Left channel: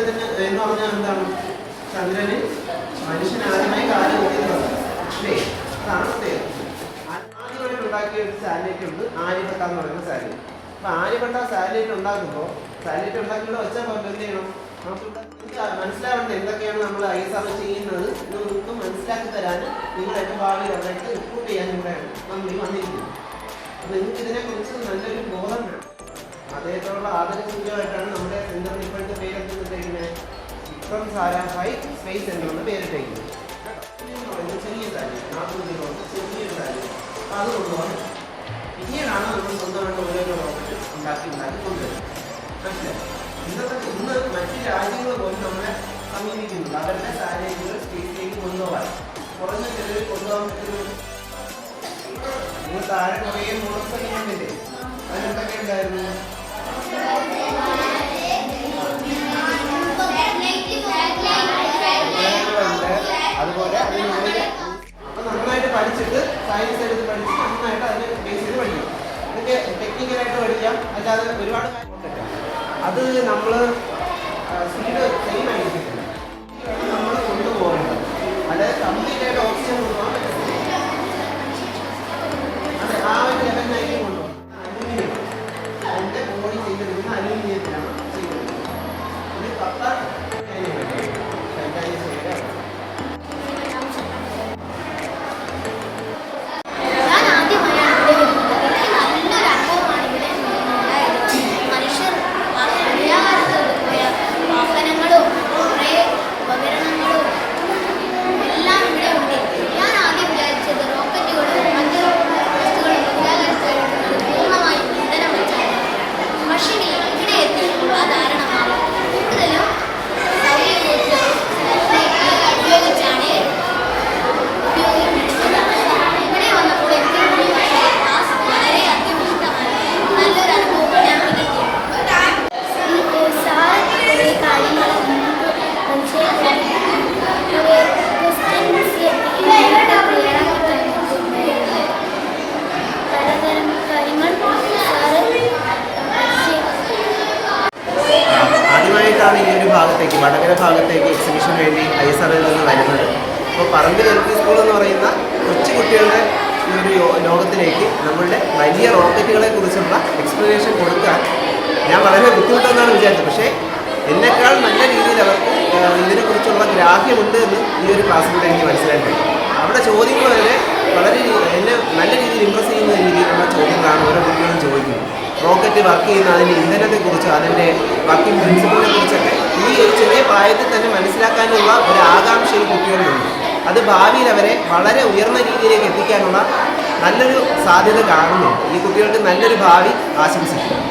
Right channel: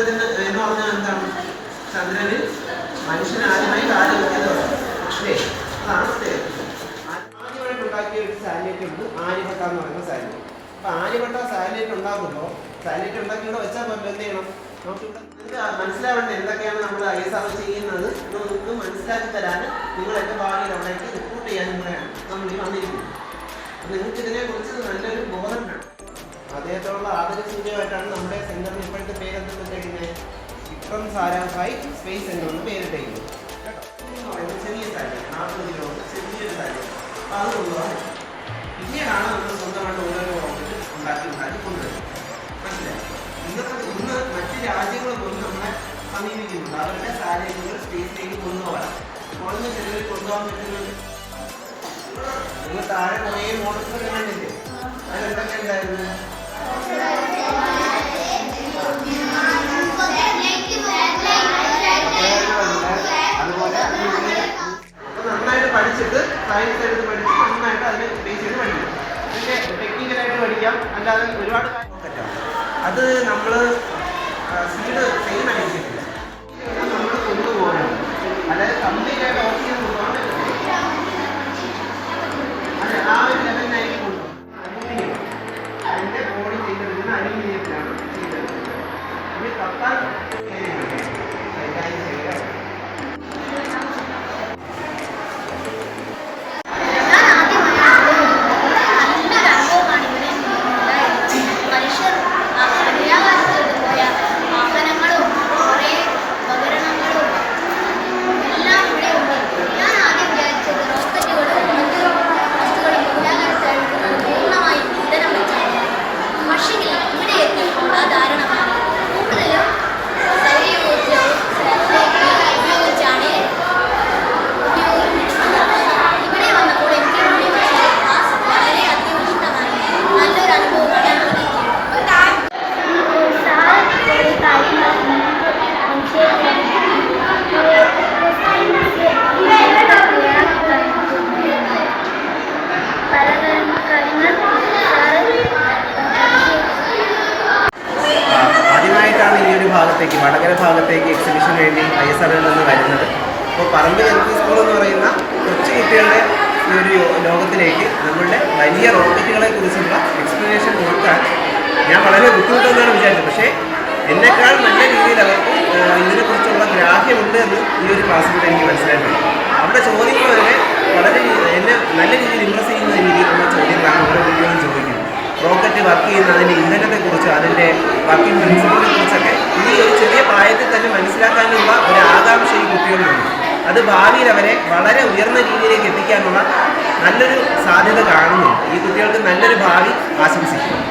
ചന്ദ്രത്തിന് എന്ന് പറഞ്ഞാൽ എന്താണ്? ചന്ദ്രനിൽ മനുഷ്യൻ ആദ്യമായി കാല് വെക്കുന്നത് അല്ലേ? അതാണ് പ്രത്യേകത. ആദ്യമായിട്ട് ഉണ്ടാക്കിയ ഒരു സാറ്റലൈറ്റ് ഉണ്ട്, ആര്യഭട്ട എന്ന് പറയുന്ന സാറ്റലൈറ്റ്. അപ്പോൾ ആര്യഭട്ട സാറ്റലൈറ്റ് ഉണ്ടാക്കുമ്പോൾ സാറ്റലൈറ്റ് ഉണ്ടാക്കിയിട്ട് വെച്ചാൽ പോലെ എന്ത് ചെയ്യണം? നമുക്കിവിടെ മനസ്സിലാവേണ്ടത് എന്തൊക്കെയാണ് നമ്മൾ ISRO ചെയ്യുന്നത് എന്ന് നിങ്ങൾക്ക് മനസ്സിലാക്കി തരാൻ നിങ്ങളൊക്കെ ഭാവിയിൽ അവിടേക്ക് റിപ്പോർട്ട് ചെയ്യാൻ കൂടെയാണ് നമ്മൾ ഈ വന്നിരിക്കുന്നത്. അപ്പോൾ നിങ്ങൾക്ക് ഇതിനെക്കുറിച്ച് നല്ലൊരു ബോധം വേണം. അദ്ദേഹത്തോടുള്ള ആദരസൂചകമായിട്ടാണ് നമ്മുടെ സെന്ററിന് ഇപ്പോഴത്തെ പേരെന്തിട്ടേക്കുന്നത്? വിക്രം സാരാഭായ് സ്പേസ് സെന്റർ എന്ന് പേരിട്ടേക്കുന്നത് കേട്ടോ. ചെറിയ സാരി 40 കിലോ ചെറിയൊരു സാരി. അപ്പോൾ അത് കൊണ്ടുപോകാൻ പിന്നീടാണ് നമ്മൾ സ്വന്തമായിട്ട് ഓരോരോ റോക്കറ്റ് ഉണ്ടാക്കി കൊണ്ടുവരുന്നത്. മനസ്സിലായി? ഇന്ന് മറ്റ് രാജ്യങ്ങൾ പോലും നമ്മളെ സമീപിക്കുന്നുണ്ട്. അവരുടെ സാഹചര്യങ്ങൾ സ്പേസിലേക്ക് കൊണ്ടുപോകാൻ കുറഞ്ഞ ചെലവിൽ കൊണ്ടുപോകാൻ പറ്റുന്നത്. നിങ്ങൾ താഴെ കുറേ മോഡൽസ് കണ്ടില്ലേ? അതിലെന്തൊക്കെ ഉണ്ടായിരുന്നു? അതുപോലെ അപ്പൊ നന്നായിട്ട് പഠിച്ചിട്ട് സയൻസ് എടുത്ത് പഠിച്ച് നന്നായിട്ട് അതിനെ ബേസ് ചെയ്ത് പഠിക്കാം. അതിൻ്റെ ടെക്നിക്കലായിട്ട് പഠിക്കാം, അല്ലാതെ ഒരുപാട് കാര്യം പറ്റാം. അത് നമ്മൾ സ്പീഡ് സെയിം ആയിരിക്കത്തില്ല, നമ്മൾ കൊണ്ടുപോകണം. അതായത് കംപ്ലീറ്റ് ആയിട്ട് ഓക്സിജൻ കൊണ്ടുപോകാൻ പറ്റില്ല. അതെ, ആ ഒരു ലെവലിനായിരിക്കും കൊണ്ടുപോകാം. അലൂമിനിയം അതിൻ്റെ ബോഡി ചെയ്തിരിക്കുന്ന അലൂമിനിയത്തിലാണ് ചെയ്തത്. ഇത് കത്താൻ ആദ്യമായിട്ടാണ് ഈ ഒരു ഭാഗത്തേക്ക് വടകര ഭാഗത്തേക്ക് എക്സിബിഷന് വേണ്ടി ISROയിൽ നിന്ന് വരുന്നത്. അപ്പോൾ പറമ്പിൽ LP സ്കൂൾ എന്ന് പറയുന്ന കൊച്ചു കുട്ടികളുടെ ഈ ഒരു ലോകത്തിലേക്ക് നമ്മളുടെ വലിയ റോക്കറ്റുകളെ കുറിച്ചുള്ള എക്സ്പ്ലനേഷൻ കൊടുക്കാൻ ഞാൻ വളരെ ബുദ്ധിമുട്ടെന്നാണ് വിചാരിച്ചത്. പക്ഷേ എന്നെക്കാൾ നല്ല രീതിയിൽ അവർക്ക് ഇതിനെക്കുറിച്ചുള്ള ഗ്രാഹ്യമുണ്ട് എന്ന് ഈ ഒരു ക്ലാസ്സിലൂടെ എനിക്ക് മനസ്സിലായിട്ടുണ്ട്. അവിടെ ചോദ്യങ്ങൾ വരെ വളരെ എന്നെ നല്ല രീതിയിൽ ഇംപ്രസ് ചെയ്യുന്ന രീതിയിലുള്ള ചോദ്യങ്ങളാണ് ഓരോ കുട്ടികളും ചോദിക്കുന്നത്. റോക്കറ്റ് വർക്ക് ചെയ്യുന്ന അതിൻ്റെ ഇന്ധനത്തെക്കുറിച്ച്, അതിൻ്റെ വർക്കിംഗ് പ്രിൻസിപ്പിളിനെ കുറിച്ചൊക്കെ ഈ ഒരു ചെറിയ പ്രായത്തിൽ തന്നെ മനസ്സിലാക്കാനുള്ള ഒരു ആകാംക്ഷ ഈ കുട്ടികളിലുണ്ട്. അത് ഭാവിയിൽ അവരെ വളരെ ഉയർന്ന രീതിയിലേക്ക് എത്തിക്കാനുള്ള നല്ലൊരു സാധ്യത കാണുന്നുണ്ട്. ഈ കുട്ടികൾക്ക് നല്ലൊരു ഭാവി ആശംസിക്കുന്നു.